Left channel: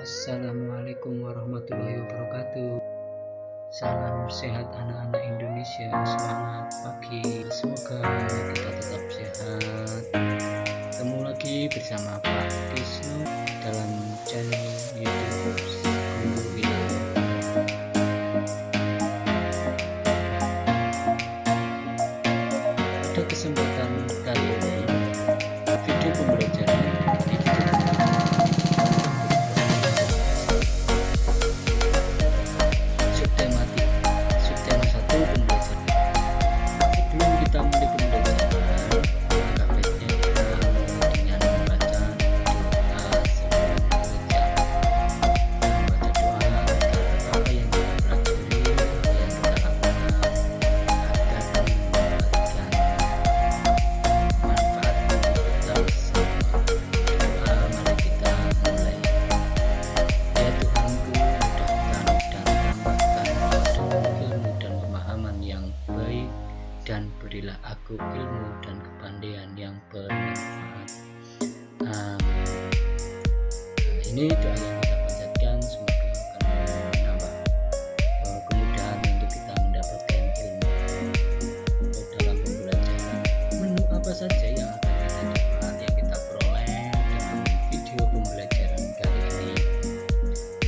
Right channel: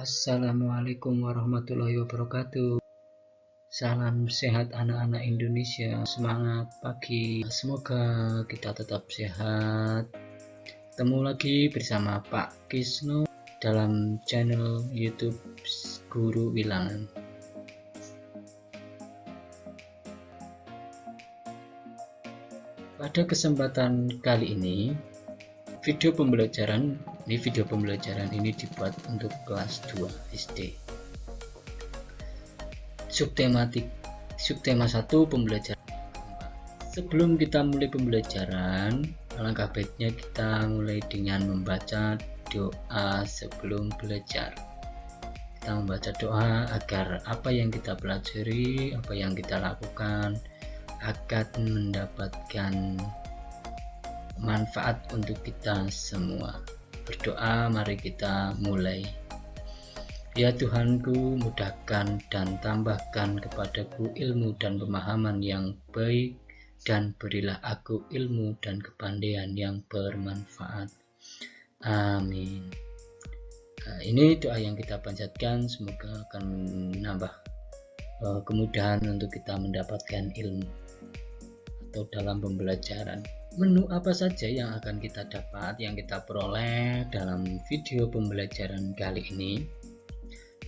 Assalamualaikum warahmatullahi wabarakatuh. Salam sehat anak-anak Indonesia. Semangat pagi. Semoga kita tetap sehat. Ketemu lagi bersama Pak Kisno dalam channel YouTube Guru Wilang. Pada kesempatan kali ini, video pembelajaran ini dibuat untuk kelas 2 SD. Subtema 1 pembelajaran. Sebelum kita mulai pembelajaran, langkah baiknya kita mulai dengan membaca doa sebelum belajar. Kita membaca doa agar apa yang kita pelajari, apa yang kita lakukan agar mendapatkan manfaat untuk kita semua. Berdoa, mari kita mulai. Ya Tuhanku, mudahkan dan tambahkan kepadaku ilmu dan pemahaman yang baik, dan berilah aku ilmu dan kepandaian yang bermanfaat. Amin. Nah, ini doa yang kita panjatkan, semoga akan menambah kemudahan untuk kita mendapatkan ilmu dalam pembelajaran. Menu apa saja yang akan kita dapat, yang kita peroleh dalam video pembelajaran kali ini?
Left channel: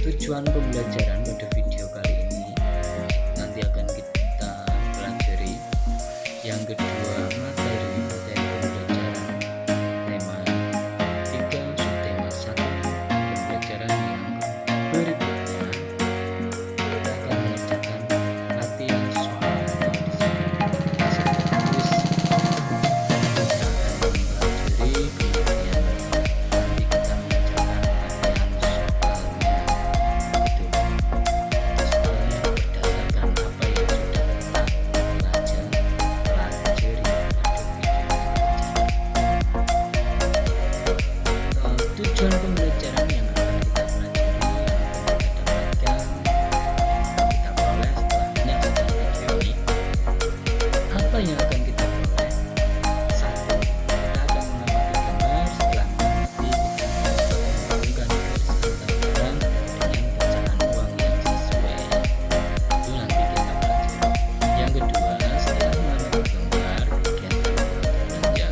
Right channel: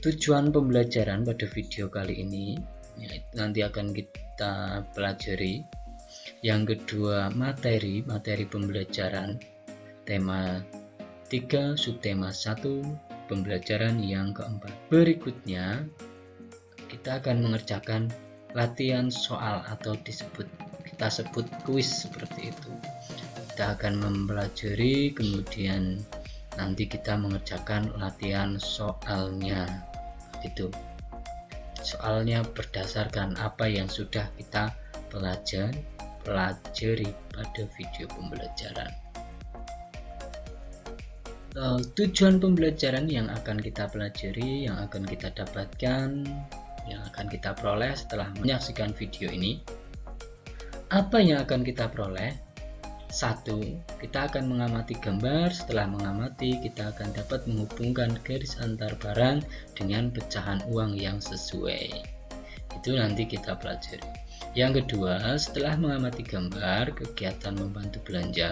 Tujuan pembelajaran pada video kali ini nanti akan kita pelajari. Yang kedua, materi pembelajaran tema 3, subtema 1, pembelajaran yang keempat. Berikutnya kita akan mengerjakan latihan soal atau kita sebut kuis. Kita akan mempelajari, kemudian nanti kita mengerjakan latihan soalnya. Soalnya berdasarkan apa yang sudah kita pelajari pada video pembelajaran. Tujuan pembelajaran yang akan kita pelajari, yang akan kita dapatkan, yang akan kita peroleh setelah menyaksikan video ini. Apa yang akan kita peroleh? 1. Kita akan mengamati gambar. Setelah mengamati, kita akan dapat menghubungkan garis antar barang dengan pecahan uang yang sesuai. Itu nanti kita pelajari. Yang kedua, setelah mengamati gambar, kegiatan membantu belanja.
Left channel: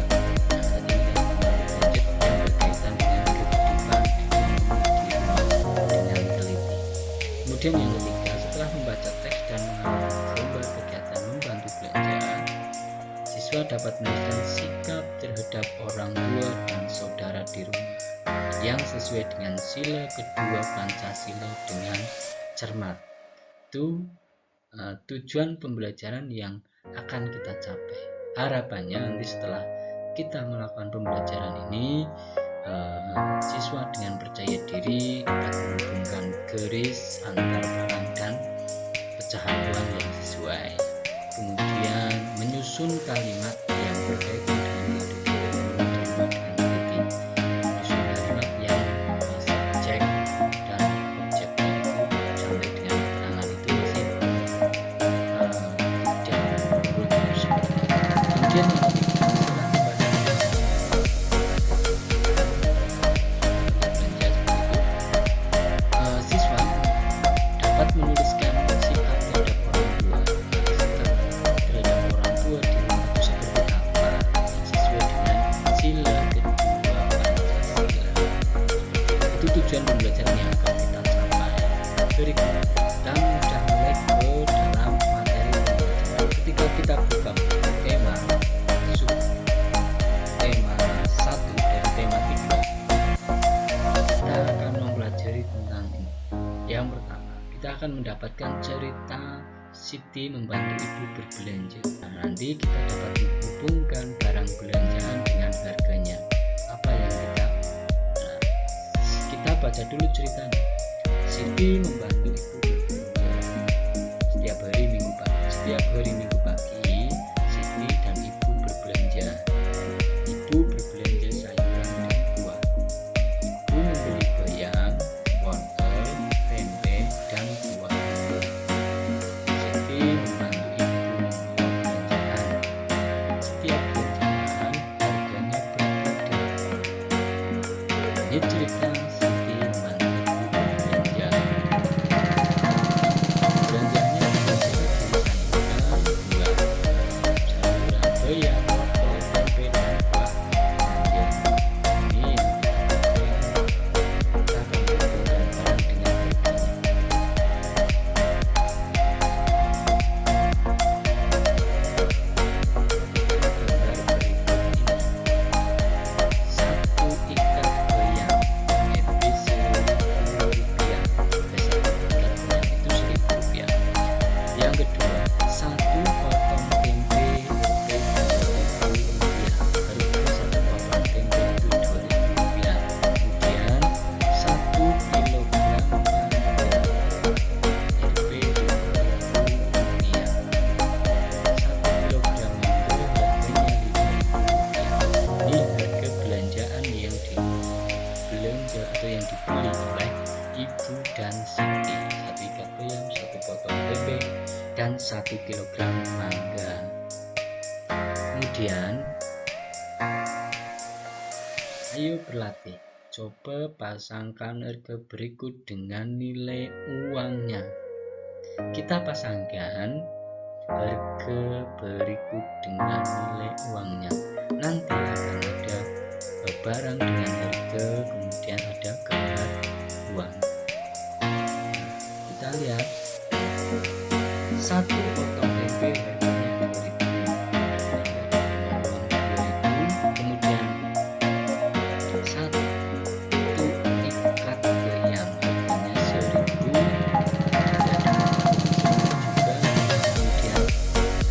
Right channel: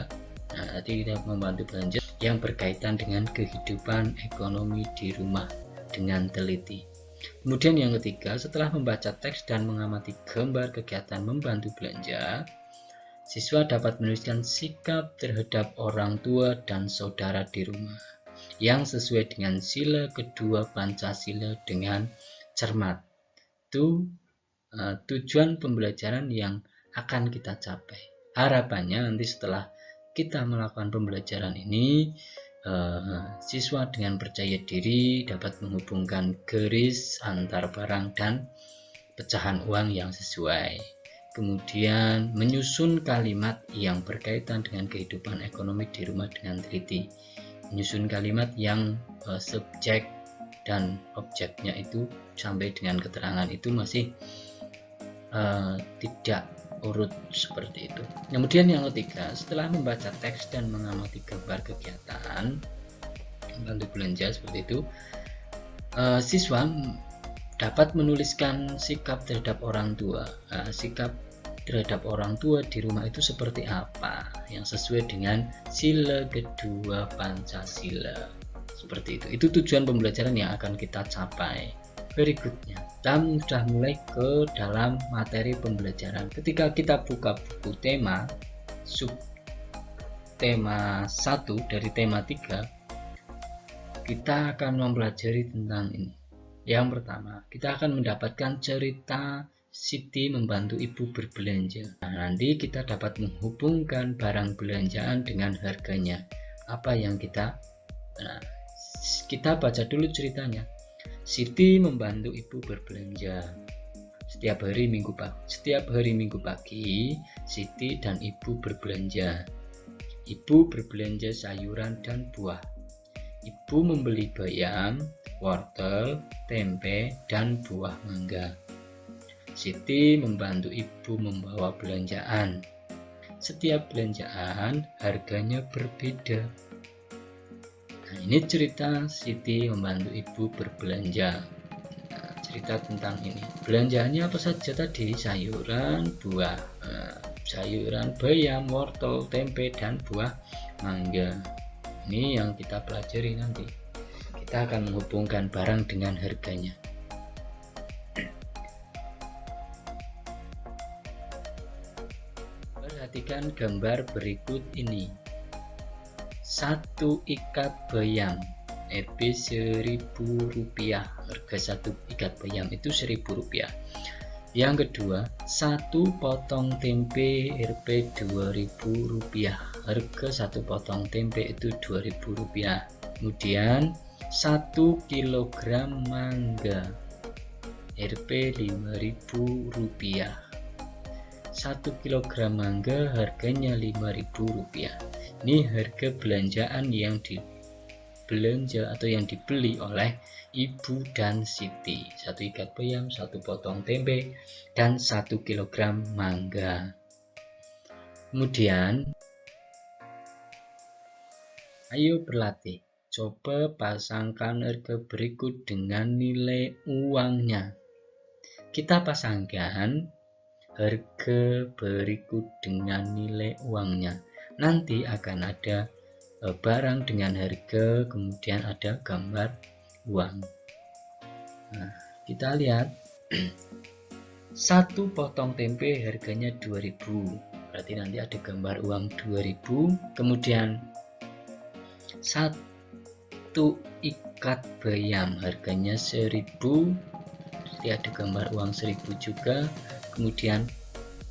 Nah, tadi kita membantu belanja yang berkaitan dengan kehidupan ekonomi di rumah dengan teliti. Kemudian yang ketiga, setelah membaca teks dan mengamati gambar kegiatan membantu belanja, siswa dapat menuliskan sikap terhadap orang tua dan saudara di rumah yang sesuai dengan sila kedua Pancasila dengan cermat. Itu tujuan pembelajaran yang akan kita capai. Harapannya nanti setelah kita melakukan pembelajaran ini, siswa dengan percaya diri dapat menghubungkan garis antar barang dan pecahan uang yang sesuai. Kemudian menyusun kalimat yang berkaitan dengan kehidupan ekonomi di rumah dengan teliti. Menyusun kalimat yang subjek dan objeknya itu sampai dengan keterangan itu masih tidak urut seperti itu. Kemudian yang ketiga, setelah membaca teks dan mengamati gambar kegiatan untuk belanja seperti itu, siswa dapat menuliskan sikap terhadap orang tua. Sikap terhadap orang tua di rumah itu seperti apa yang sesuai dengan sila kedua Pancasila. Seperti itu. Itu tujuan pembelajaran yang akan kita capai. Berikutnya, kita sudah mulai ke dalam materi pembelajaran. Ketika kita buka buku tema subtema 1 dari tema 3, kita akan mempelajari tentang ini. Yang pertama, kita akan mendapatkan cerita Siti membantu ibu berbelanja. Nah, nanti kita dapat menghubungkan barang belanjaan dengan harganya. Apa yang kita baca dulu ceritanya. Siti membantu ibu berbelanja setiap hari Minggu pagi. Setiap hari Minggu pagi, Siti dan ibu berbelanja. Ibu berbelanja sayuran dan buah. Ibu membeli bayam, wortel, tempe, dan buah mangga. Siti membantu ibu membawa belanjaan. Setiap belanjaan harganya berbeda. Ini cerita Siti membantu ibu berbelanja. belanjaannya apa saja tadi? Sayuran, buah, sayuran, bayam, wortel, tempe, dan buah mangga. Ini yang kita pelajari nanti. Kita akan menghubungkan barang dengan harganya. Perhatikan gambar berikut ini. 1 ikat bayam EB Rp1.000. Harga 1 ikat bayam itu Rp1.000. Yang kedua, 1 potong tempe Rp Rp2.000. Harga 1 potong tempe itu Rp2.000. Kemudian 1 kilogram mangga Rp Rp5.000. 1 kilogram mangga harganya Rp5.000. Ini harga belanjaan yang dibelanja atau yang dibeli oleh Ibu dan Siti. 1 ikat bayam, 1 potong tempe, dan 1 kilogram mangga. Kemudian ayo berlatih. Coba pasangkan harga berikut dengan nilai uangnya. Kita pasangkan harga berikut dengan nilai uangnya. Nanti akan ada barang dengan harga, kemudian ada gambar uang. Nah, kita lihat 1 potong tempe harganya Rp2.000. Berarti nanti ada gambar uang Rp2.000. Kemudian 1 ikat bayam harganya Rp1.000. Berarti ada gambar uang Rp1.000 juga. Kemudian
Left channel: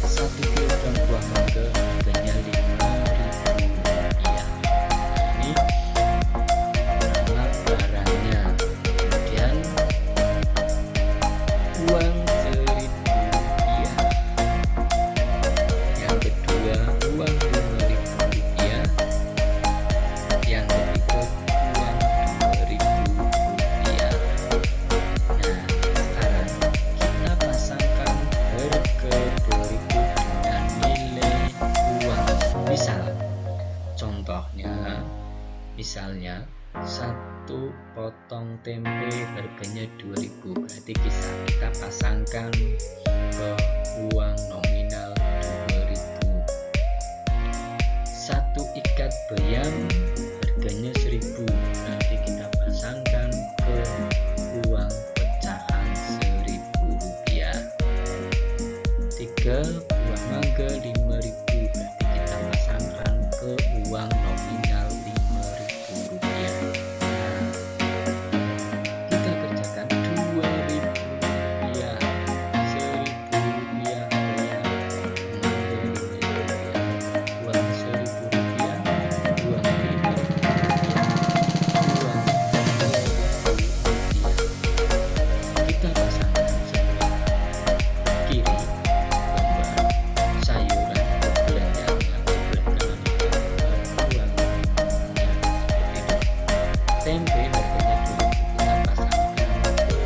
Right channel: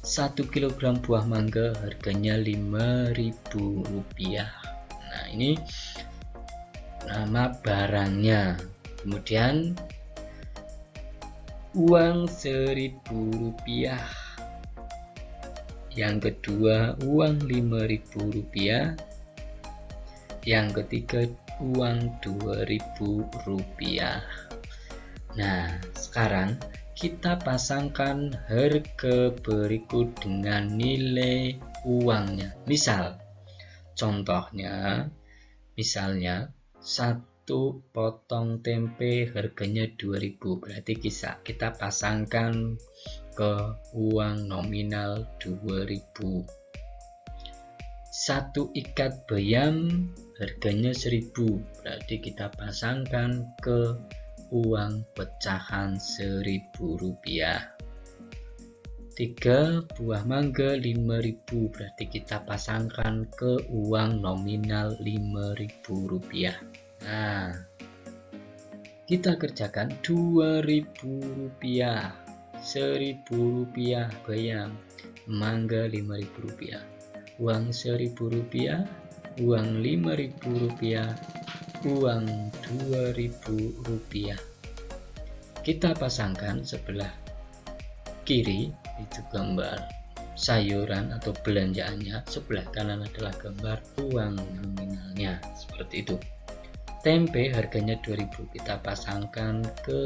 1 kilogram buah mangga harganya Rp5.000. Nah, ini nama barangnya. Kemudian uang Rp1.000. Yang kedua, uang Rp5.000. Yang ketiga, uang Rp2.000. Nah, sekarang kita pasangkan harga berikut dengan nilai uangnya. Misal, contohnya, misalnya 1 potong tempe harganya Rp2.000. Berarti kita pasangkan ke uang nominal Rp2.000. 1 ikat bayam harganya Rp1.000. Berarti kita pasangkan ke uang pecahan Rp1.000. 3 buah mangga Rp5.000. Berarti kita pasangkan ke uang nominal Rp5.000. Nah, kita kerjakan Rp2.000. Rp1.000 bayam, mangga Rp5.000, uang Rp1.000, uang Rp5.000, uang Rp2.000. Kita pasangkan sebelah kiri gambar sayuran atau belanjaannya, sebelah kanan adalah gambar uangnya, seperti itu. Tempe harganya Rp2.000, kita pasangkan ke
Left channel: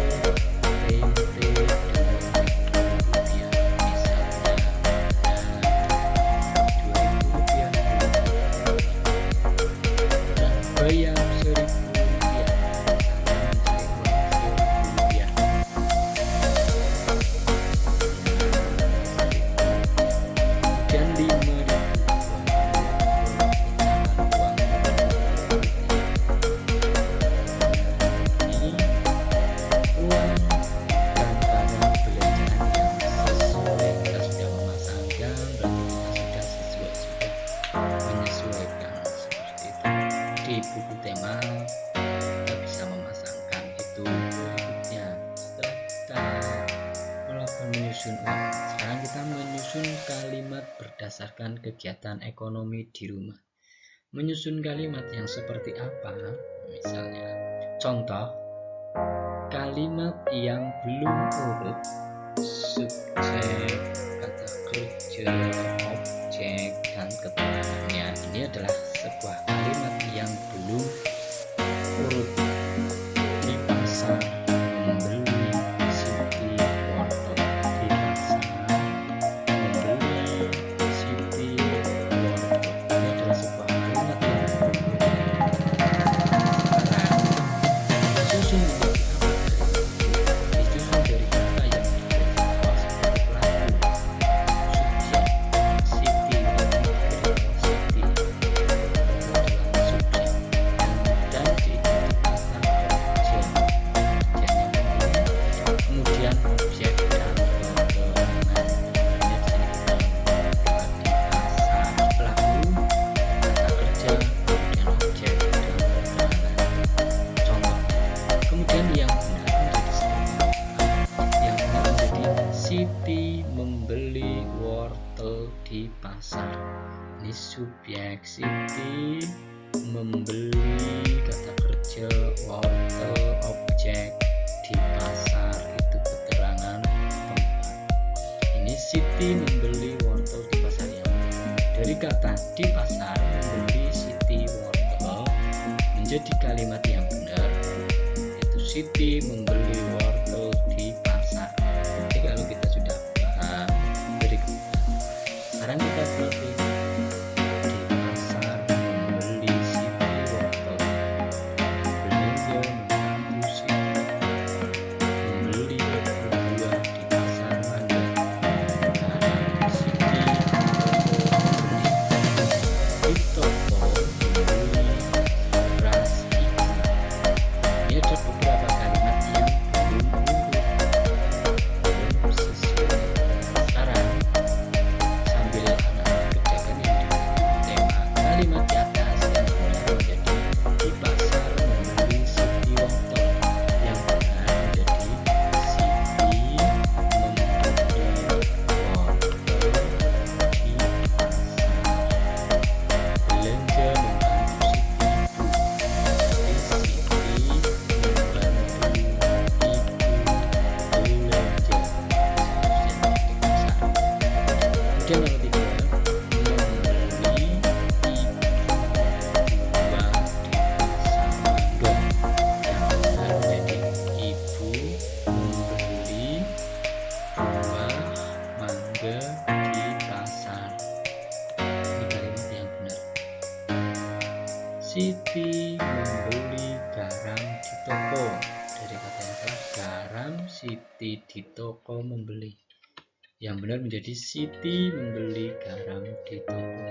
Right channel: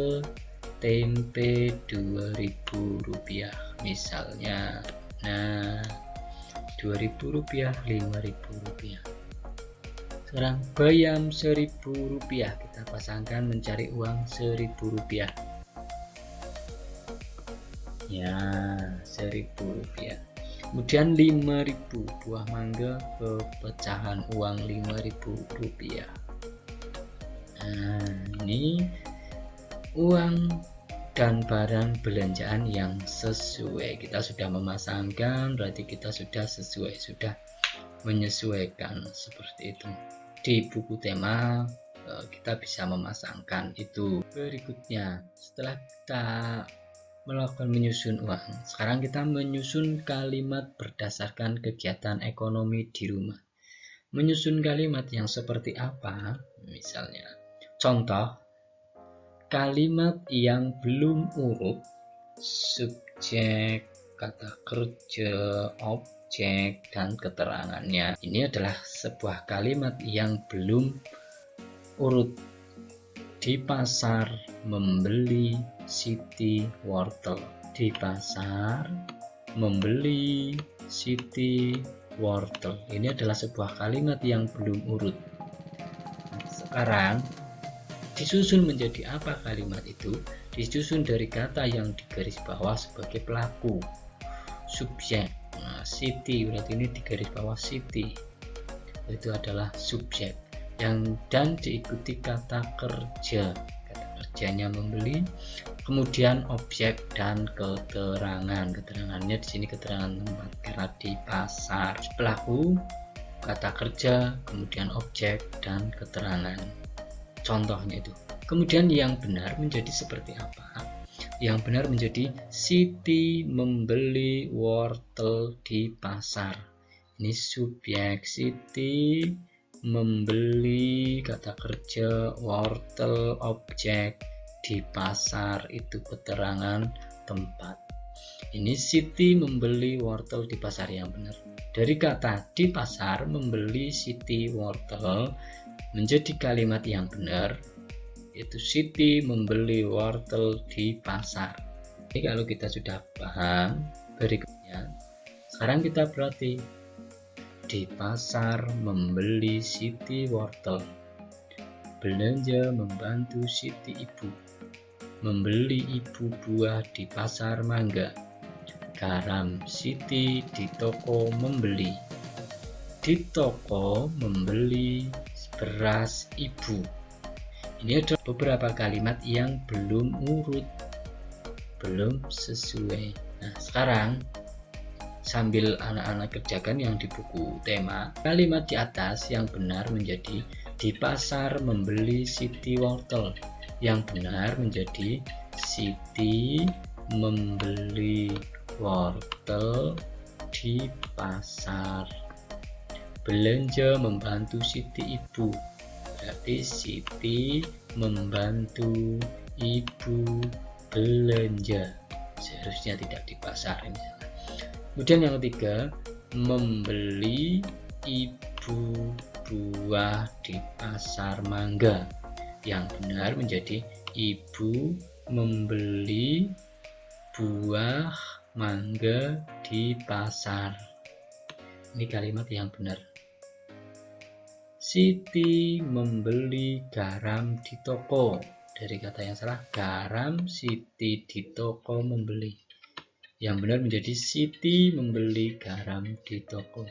tempe Rp2.000 misalnya. Nah, Rp2.000, Rp5.000. Dan bayam Rp1.000, pasangkan mencari uang Rp1.000. Dan Rp5.000, buah mangga pecahan uang Rp5.000. Nah, ini uang dan barang belanjaan yang sesuai. Kita sudah memasangkan, berarti kita sudah sesuai, sudah menyesuaikan, seperti itu. Di buku tema kita bisa memasangkan itu. Berikutnya, setelah kita melakukan menyusun uang, sekarang kita menyusun kalimat berdasarkan kegiatan ekonomi di rumah. Menyusun kalimat yang seperti apa? Misalnya, contoh kalimat yang belum urut, subjek, kata kerja, objek, dan keterangannya. Ini adalah sebuah kalimat yang belum urut. Di pasar membeli Siti wortel. Di pasar membeli Siti wortel. Ini adalah sebuah kalimat yang belum urut. Sekarang disusun menjadi apa kalimat itu? disusun dari kata yang di garis bawah sebagai pelaku. Subjek, Siti, ini di garis bawah Siti itu adalah subjek, dan diikuti kata kerja, kerjanya membeli, kemudian objek dan keterangan. Keterangannya di sini keterangan di pasar. Pelaku, kata kerja, kemudian objek dan keterangan. Contohnya. Kemudian yang benar menjadi seperti apa? Yang benar menjadi Siti membeli wortel di pasar. Ini subjek, Siti membeli, kata kerja, wortel, objek di pasar, itu keterangan tempat. Ini Siti membeli wortel di pasar yang benar. Dari kata di pasar membeli Siti wortel menjadi kalimat yang benar, itu Siti membeli wortel di pasar. Jadi kalau kita sudah paham berikutnya, sekarang kita berarti di pasar membeli Siti wortel, belanja membantu Siti ibu, membeli ibu buah di pasar mangga, garam Siti di toko membeli, di toko membeli beras ibu. Ini ada beberapa kalimat yang belum urut, belum sesuai. Nah, sekarang sambil anak-anak kerjakan yang di buku tema, kalimat di atas yang benar menjadi di pasar membeli Siti wortel, yang benar menjadi Siti membeli wortel di pasar, belanja membantu Siti ibu, jadi Siti membantu ibu belanja, seharusnya tidak di pasar. Kemudian yang ketiga, membeli ibu buah di pasar mangga, yang benar menjadi ibu membeli buah mangga di pasar. Ini kalimat yang benar. Siti membeli garam di toko. Dari kata yang salah, garam Siti di toko membeli. Yang benar menjadi Siti membeli garam di toko.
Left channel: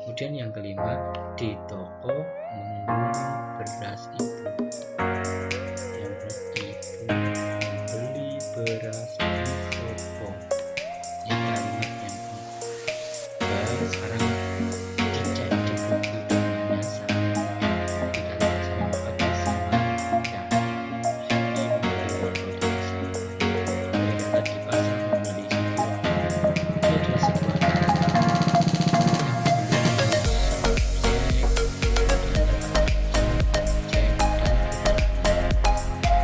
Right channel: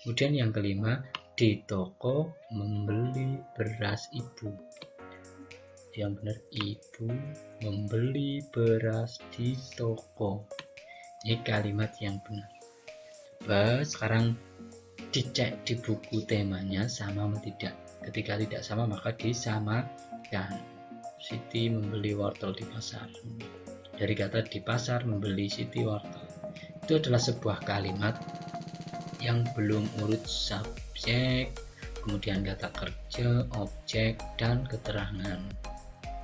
Kemudian yang kelima, di toko membeli beras ibu. Yang benar, ibu membeli beras di toko. Ini kalimat yang benar. Sekarang dicek di buku temanya sama tidak. Ketika tidak sama maka disamakan. Siti membeli wortel di pasar. Dari kata di pasar membeli Siti wortel, itu adalah sebuah kalimat yang belum urut subjek, kemudian kata kerja, objek, dan keterangan.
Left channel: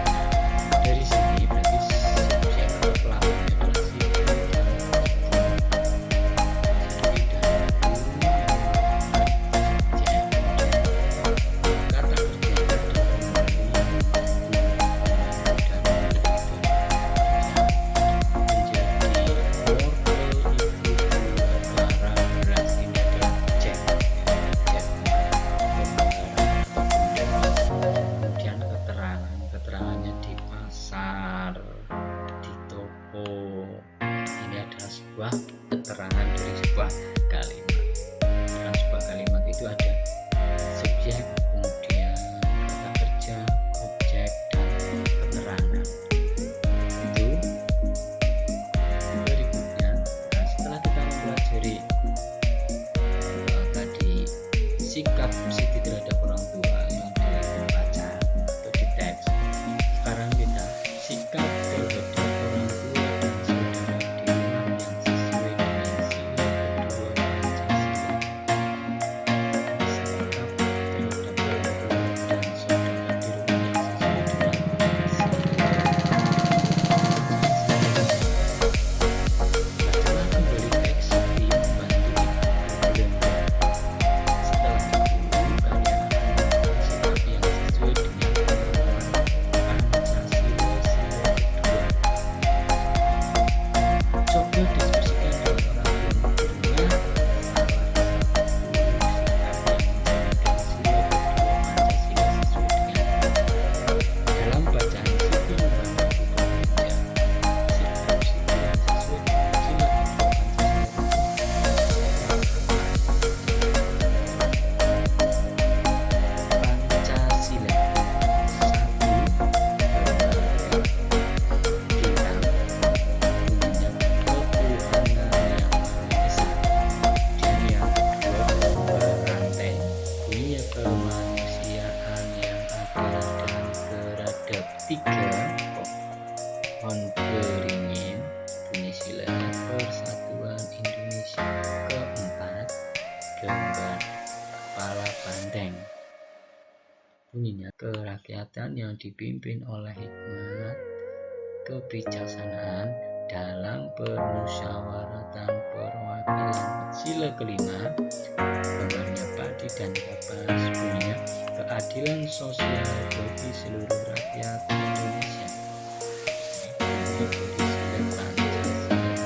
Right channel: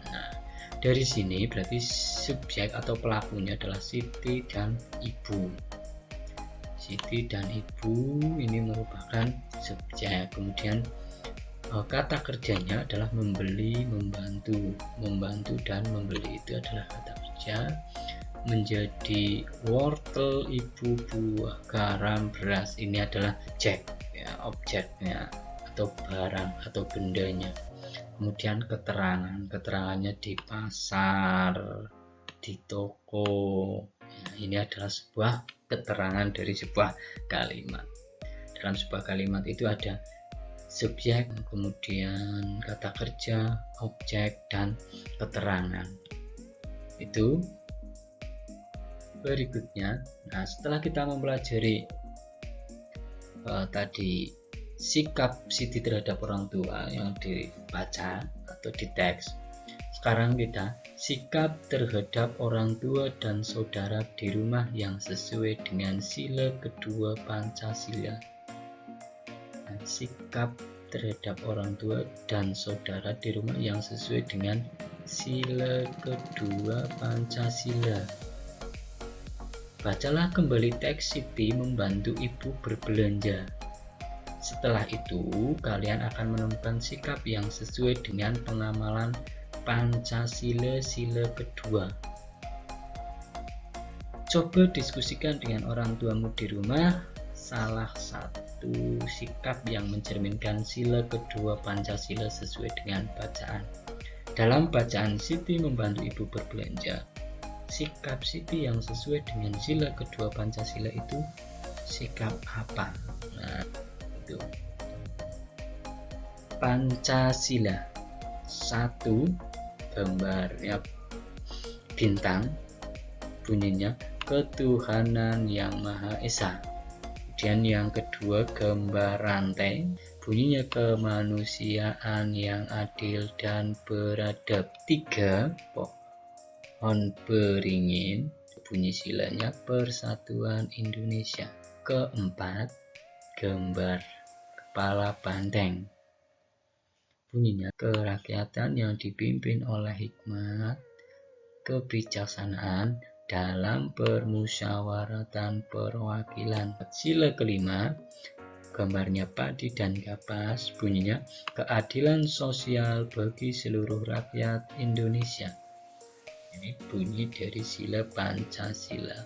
Nah, dari sini berarti subjek atau pelakunya adalah Siti dan ibu. Siti dan ibu ini merupakan subjek. Kemudian kata kerjanya adalah membeli, membantu, membantu dan membeli, itu adalah kerja. Menjadi wortel, ibu buah, garam, beras, ini adalah objek, ya, objeknya atau barang atau bendanya. Kemudian keterangannya di pasar, di toko, ini adalah sebuah keterangan dari sebuah kalimat. Dalam sebuah kalimat itu ada subjek, kemudian kata kerja, objek, dan keterangan. Itu berikutnya. Nah, setelah kita mempelajari tadi sikap Siti terhadap orang tua yang dibaca atau di teks, sekarang kita sikap terhadap orang tua dan saudara di rumah yang sesuai dengan sila kedua Pancasila. Sikap terhadap orang tua dan saudara di rumah yang sesuai dengan sila kedua Pancasila. Bacalah kembali teks Siti membantu ibu berbelanja. Setelah itu, kalian akan menemukan sikap yang sesuai dengan pengamalan Pancasila sila kedua. Coba diskusikan dengan orang tuamu di rumah salah satu sikap yang mencerminkan sila kedua Pancasila sesuai dengan bacaan. Dalam Dalam bacaan Siti membantu ibu berbelanja, sikap Siti yang sesuai dengan sila kedua Pancasila itu sikap apa? Pancasila, 1, gambar bintang, bunyinya ketuhanan yang Maha Esa. Dan yang kedua gambar rantai, bunyinya kemanusiaan yang adil dan beradab. 3, pohon beringin, bunyi silanya Persatuan Indonesia. 4, gambar kepala banteng, bunyinya kerakyatan yang dipimpin oleh hikmat kebijaksanaan dalam permusyawaratan perwakilan. Sila kelima, gambarnya padi dan kapas, bunyinya keadilan sosial bagi seluruh rakyat Indonesia. Ini bunyi dari sila Pancasila.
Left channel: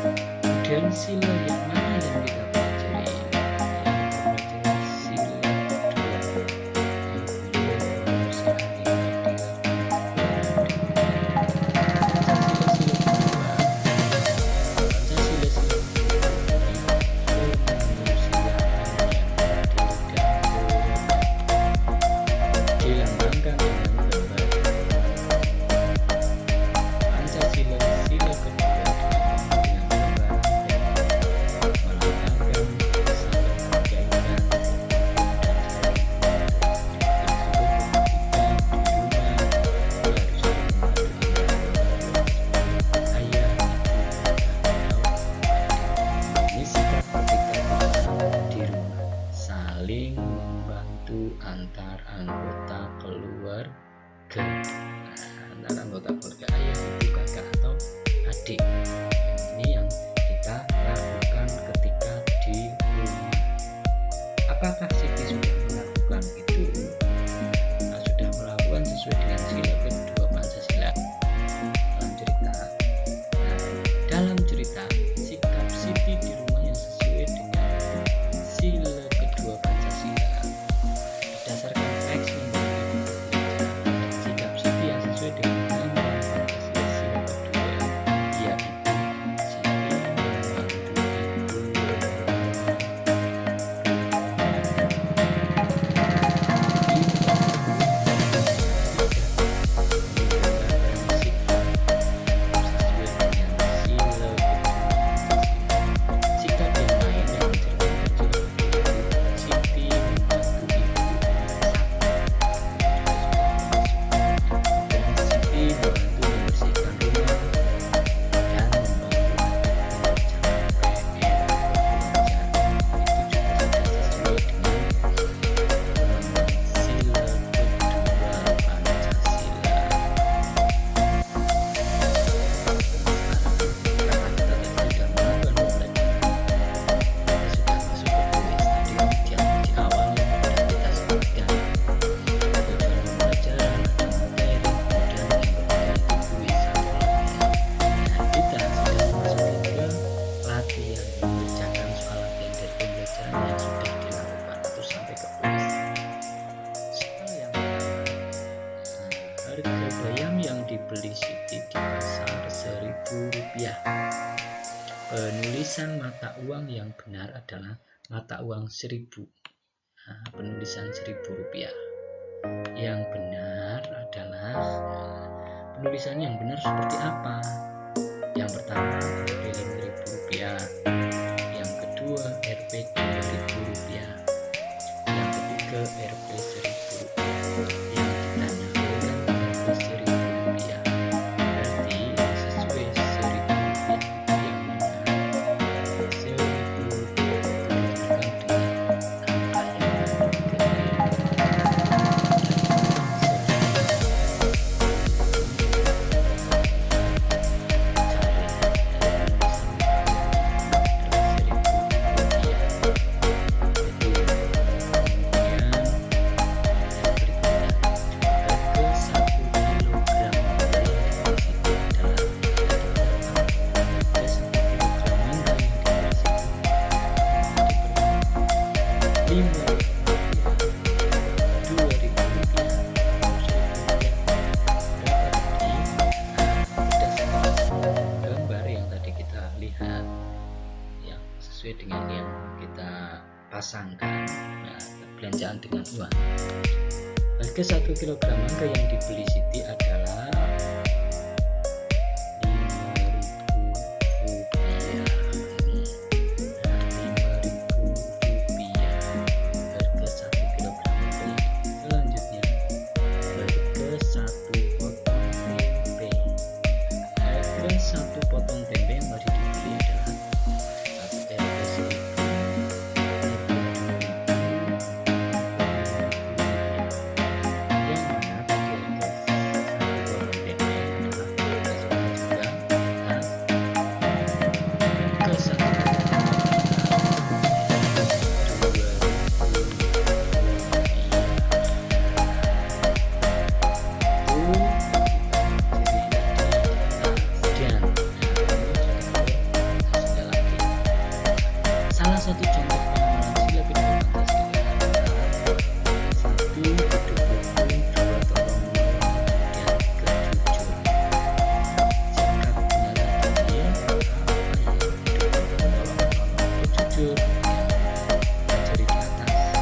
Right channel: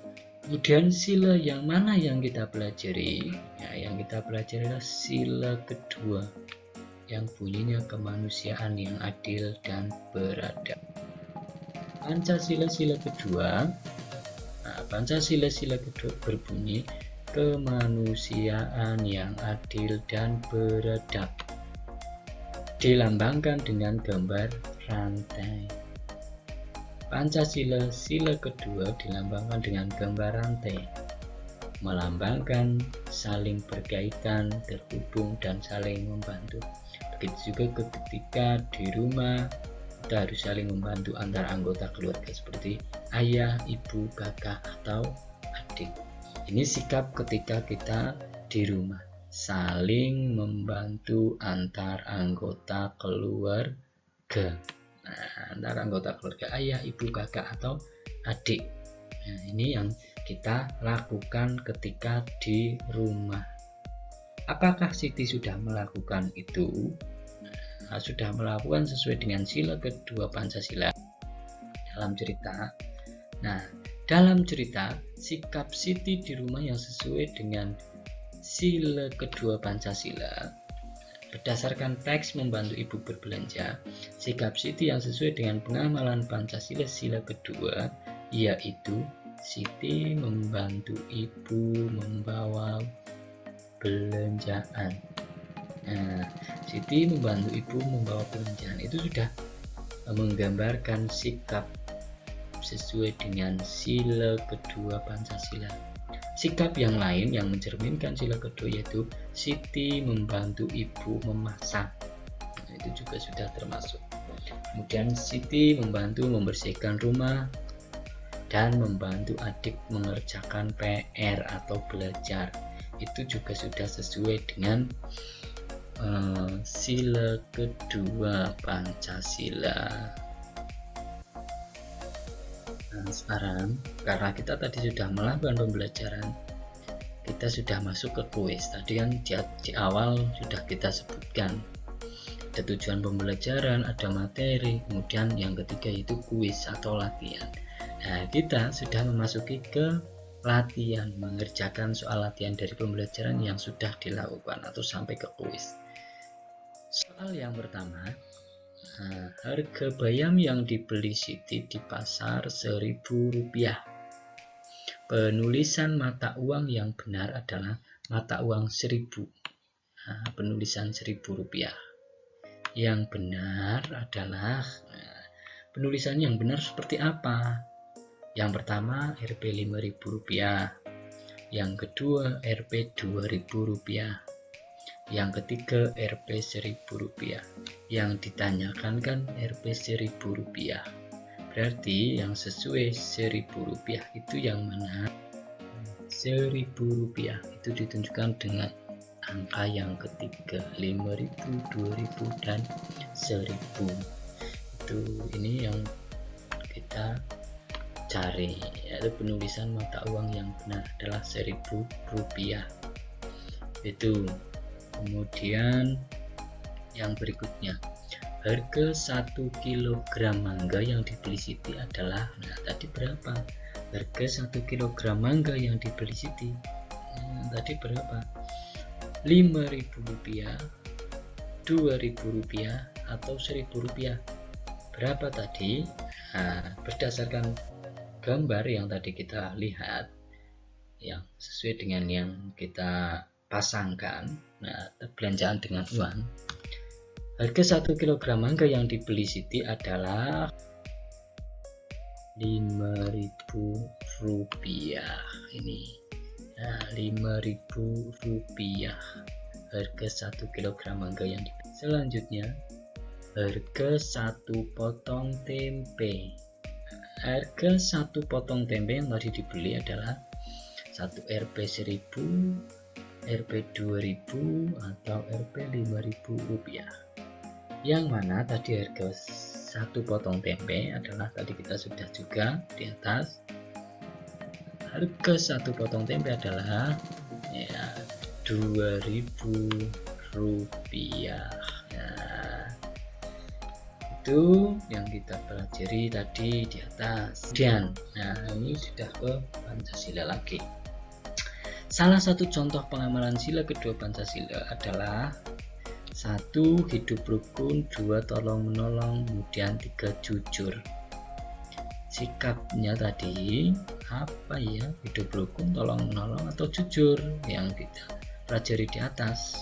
Kemudian sila yang mana yang kita pelajari? Nah, yang kita pelajari sila kedua, yang bunyinya kemanusiaan yang adil dan beradab. Pancasila kedua, Pancasila kedua berbunyi kemanusiaan yang adil dan beradab, dilambangkan dengan gambar rantai. Pancasila kedua dilambangkan dengan gambar rantai, melambangkan saling berkaitan, terhubung dan saling membantu. Begitu juga ketika di rumah harus saling membantu antara anggota keluarga seperti ayah, ibu, kakak, atau adik. Ini sikap ketika kita di rumah, saling membantu antar anggota keluarga. Nah, antar anggota keluarga ayah, ibu, kakak, atau adik. Ini yang kita lakukan ketika di rumah. Apakah Siti sudah melakukan itu? Sudah melakukan sesuai dengan sila kedua Pancasila dalam cerita. Nah, dalam cerita sikap Siti di rumah yang sesuai dengan sila kedua Pancasila berdasarkan teks membantu ibu berbelanja. Sikap Siti yang sesuai dengan pengawalan Pancasila sila kedua yaitu Siti membantu ibu mengawal belanjaan. Siti membantu sudah menggambarkan sikap sesuai dengan sila kedua Pancasila. Sikap yang lain yang mencerminkan sila kedua yaitu Siti membantu ibu memasak, itu juga sudah termasuk. Kemudian Siti membantu membersihkan rumah dan membantu adik mengerjakan PR atau belajar, itu juga sudah sesuai dengan sila kedua Pancasila. Sekarang karena kita tadi sudah melakukan pembelajaran, kita sudah masuk ke kuis. Tadi kan di awal sudah kita sebutkan tujuan pembelajaran, ada materi, kemudian yang ketiga itu kuis atau latihan. Nah, kita sudah memasuki ke latihan, mengerjakan soal latihan dari pembelajaran yang sudah dilakukan atau sampai ke kuis. Soal yang pertama, harga bayam yang dibeli Siti di pasar Rp1.000. Penulisan mata uang yang benar adalah mata uang 1.000. Penulisan Rp1.000. Yang benar adalah penulisan yang benar seperti apa? Yang pertama Rp 5.000, yang kedua Rp 2.000, yang ketiga Rp 1.000. Yang ditanyakan kan Rp 1.000. Berarti yang sesuai Rp1.000 itu yang mana? Rp1.000 itu ditentukan dengan angka yang ketiga 5.000 dan 1.000. Ini yang kita cari, yaitu penulisan mata uang yang benar adalah Rp1.000 itu. Kemudian yang berikutnya, harga 1 kg mangga yang dibeli Siti adalah tadi berapa? Harga 1 kg mangga yang dibeli Siti tadi berapa? Rp5.000, Rp2.000 atau Rp1.000? Berapa tadi, berdasarkan gambar yang tadi kita lihat yang sesuai dengan yang kita pasangkan, belanjaan dengan uang, harga 1 kg mangga yang dibeli Siti adalah Rp5.000 ini. Rp5.000 harga 1 kg mangga yang dibeli. Selanjutnya harga 1 potong tempe. Harga 1 potong tempe yang tadi dibeli adalah 1 Rp1.000, Rp2.000, atau Rp5.000. Yang mana tadi harga 1 potong tempe adalah tadi kita sudah juga di atas. Harga 1 potong tempe adalah Rp2.000. Itu yang kita pelajari tadi di atas. Dan ini sudah ke Pancasila lagi. Salah satu contoh pengamalan sila kedua Pancasila adalah 1. Hidup rukun, 2. Tolong menolong, kemudian 3. Jujur. Sikapnya tadi apa ya? Hidup rukun, tolong menolong, atau jujur yang kita pelajari di atas.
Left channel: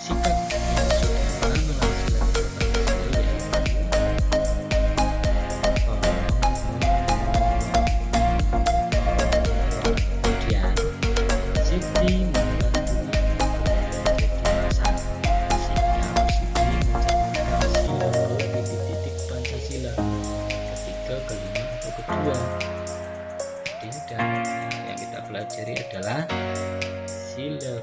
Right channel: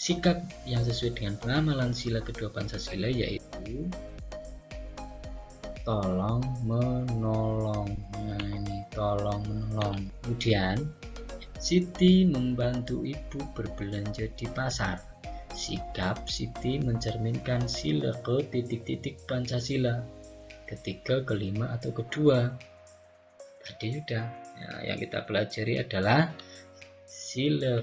Sikap yang sesuai dengan pengamalan sila kedua Pancasila yaitu tolong menolong. Kemudian Siti membantu ibu berbelanja di pasar. Sikap Siti mencerminkan sila ke Pancasila ketiga, kelima, atau kedua. Jadi sudah yang kita pelajari adalah sila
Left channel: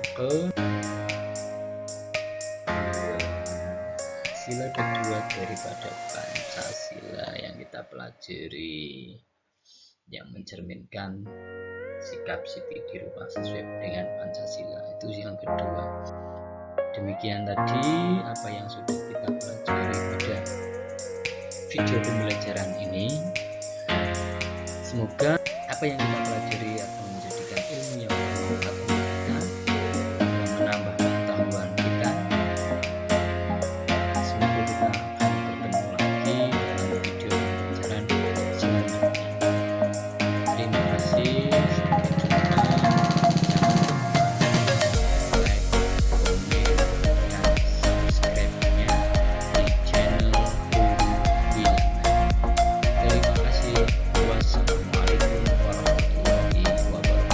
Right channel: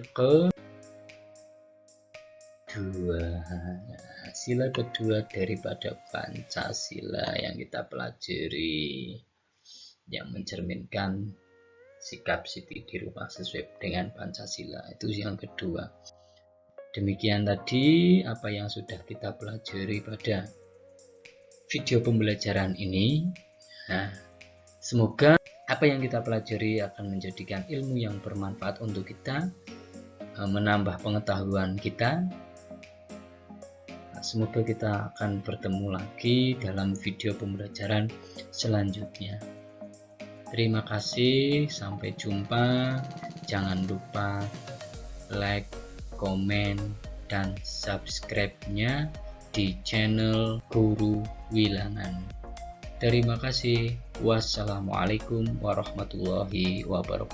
kedua daripada Pancasila yang kita pelajari, yang mencerminkan sikap Siti di rumah sesuai dengan Pancasila. Itu yang kedua. Demikian tadi apa yang sudah kita pelajari pada video pembelajaran ini. Semoga apa yang kita pelajari akan menjadikan ilmu yang bermanfaat untuk kita, menambah pengetahuan kita. Semoga kita akan bertemu lagi dalam video pembelajaran selanjutnya. Terima kasih, sampai jumpa. Jangan lupa like, komen, dan subscribe-nya di channel Guru Wilangan. Terima kasih. Wassalamualaikum warahmatullahi wabarakatuh.